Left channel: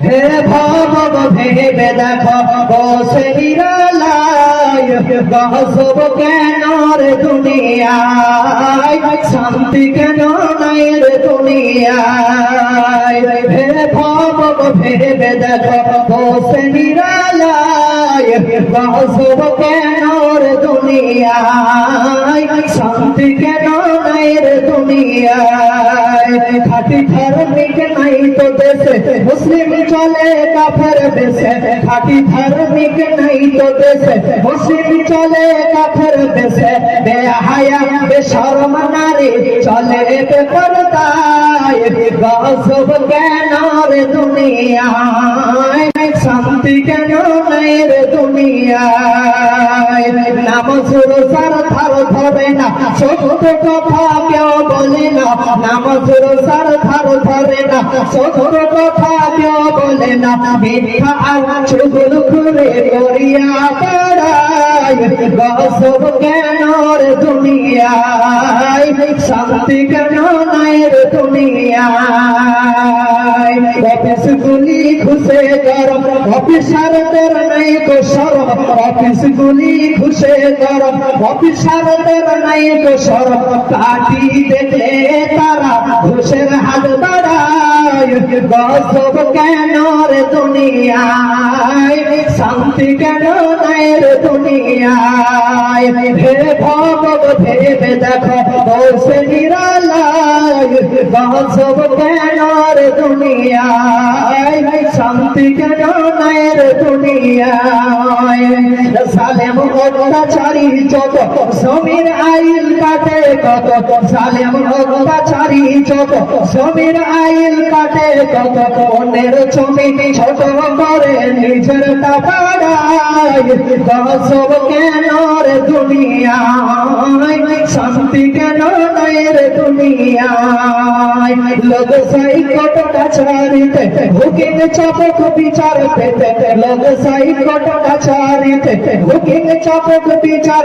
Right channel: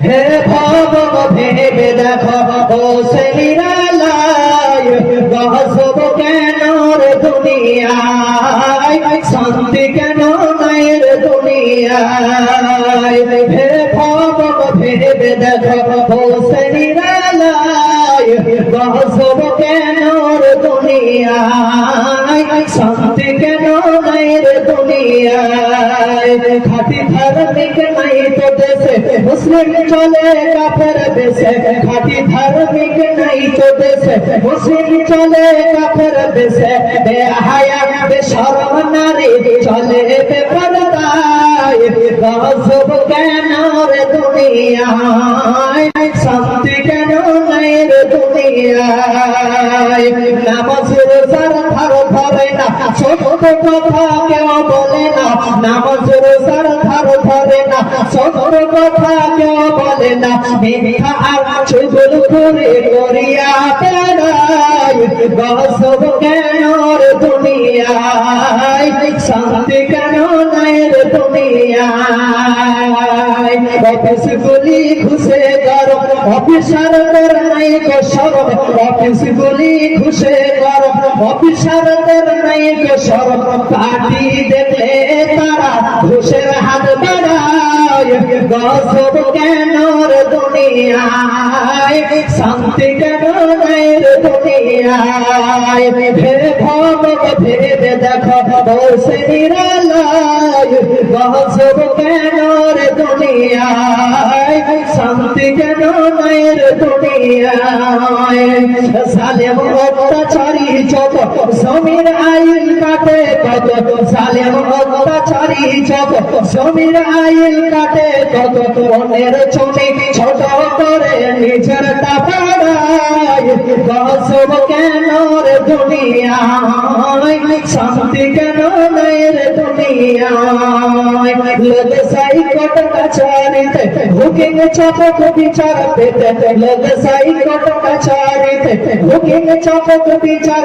হে ভব ভেবে দেখো বসে নিরালায় গহসব কেন রে দুনিয়ায়? শান্তি কেন নাই রে দুনিয়ায়? হে ভব ভেবে দেখো বসে নিরালায় গহসব কেন রে দুনিয়ায়? ধার্মিক নাই তো দেশে? মুসলিম চলে কাফের দেশে। খাটি ধার্মিক নাই তো দেশে। মুসলিম চলে কাফের দেশে। বেহায়া, বেশরম নারী চলে বেপরদায়। গজব কেন রে দুনিয়ায়? শান্তি কেন নাই রে দুনিয়ায়? না, ছোট কথা কেউ বলে না নামাজ রোজার ধার ধরে না, ছোট কথা কেউ বলে না মিথ্যা আর চুগল করে করিয়া বেড়ায় গসব কেন রে দুনিয়ায়? শান্তি কেন নাই রে অফিস গুলি ঘুষে গরম অফিসার তোর নাই গো অফিস গুলি ঘুষে গরম অফিসার তোর নাই গো সরম দেখলে তারা, ঘুষের হাত বাড়ায়। গসব কেন রে দুনিয়ায়? শান্তি কেন নাই দুনিয়ায়। ভেবে ভব ভেবে দেখো বসে নিরালায় গসব কেন রে দুনিয়ায়? শান্তি কেন নাই রে দুনিয়ায়? সালেম অত্যাচারী যত সমীর আইন কাটে কত সালেম অত্যাচারী যত সমীর আইন কাটে কত অন্যের ছবি ছোট করে নিজের গসব কেন রে দুনিয়ায়? শান্তি কেন নাই রে দুনিয়ায়? লোক সাইকট কাছারিতে, হুকিং চাপক বিচার পেতে লোক সাইকট কাছারিতে, হুকিং চাপক বিচার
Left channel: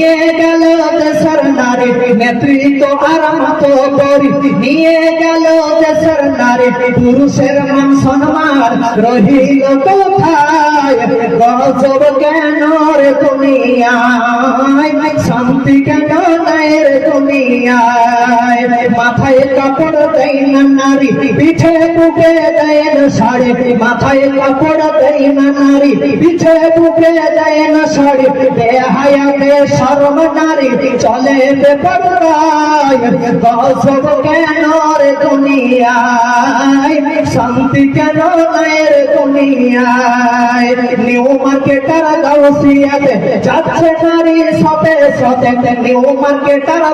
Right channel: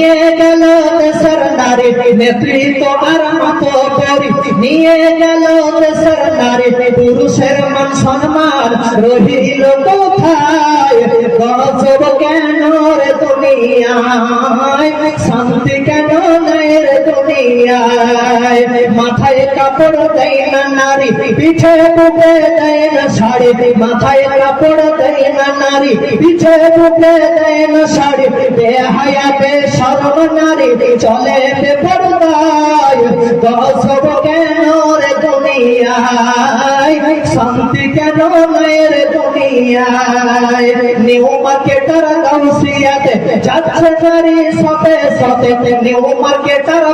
নিয়ে গেল দেশের নারী নেতৃত্ব আর মত করি। নিয়ে গেল দেশের নারী পুরুষের মান সম্মান রহিল কোথায়? কেন রে দুনিয়ায়? শান্তি কেন নাই রে দুনিয়ায়? মাথায় কাপড় দেয় না নারী। পিঠে বুকে দেয় না শাড়ি। মাথায় কাপড় দেয় না নারী। পিঠে বুকে দেয় না শাড়ি। বেহায়াতে শরম নারী চলে বেপরদায়। দুনিয়ায়? শান্তি কেন নাই রে দুনিয়ায়? নিউ মার্কেটার গাউসিয়াতে যাচ্ছে নারী সাথে সাথে নিউ মার্কেটার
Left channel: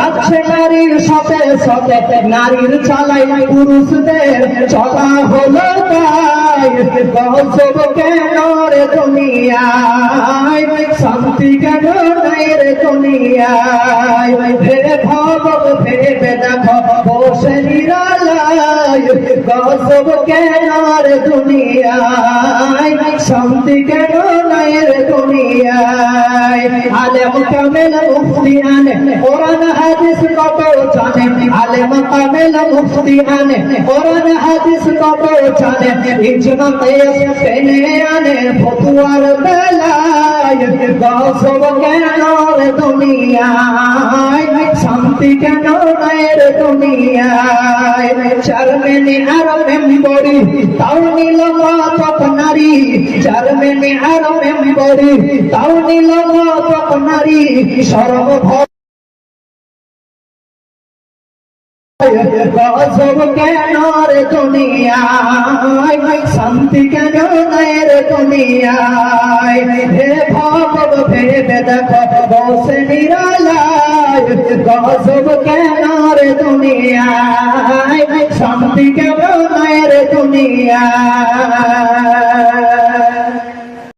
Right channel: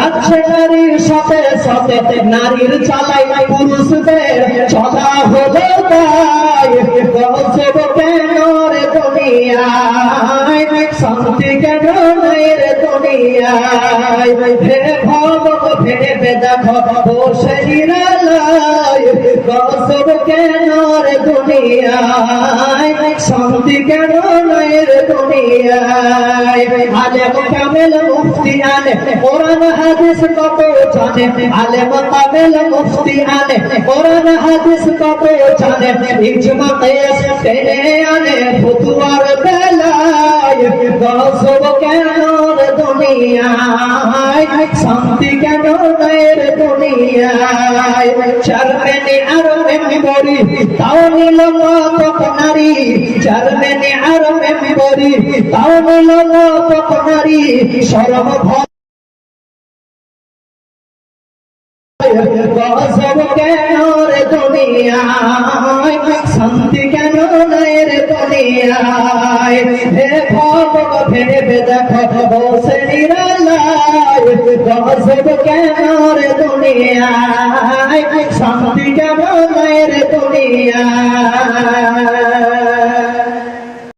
যাচ্ছে নারীর সাথে সাথে নারীর চালাই পুরুষদের। চলা হলো তাই, গজব কেন রে দুনিয়ায়? শান্তি কেন নাই রে দুনিয়ায়? হে ভব ভেবে দেখো বসে নিরালায়। গজব কেন রে দুনিয়ায়? শান্তি কেন নাই রে দুনিয়ায়? আলেম কামেল মুফতি আনে কোরআন হাদিস কত জানে? আলেম কামেল মুফতি আনে কোরআন হাদিস কত জানে? ইজমা কিয়াস টেনে আনে ফতুয়ার বেলায়, গজব কেন রে দুনিয়ায় শান্তি কেন নাই রে দুনিয়ায়? চারমেনি আর মেম্বরি, তাও নিল মতক নারী। চারমেনি আর মেম্বরি, তাও নিল মতক নারী। সর্বভর গজব কেন রে দুনিয়ায়? শান্তি কেন নাই রে দুনিয়ায়? হে ভাবব ভেবে দেখো নিরালায় গজব কেন রে দুনিয়ায় শান্তি কেন রে দুনিয়ায়?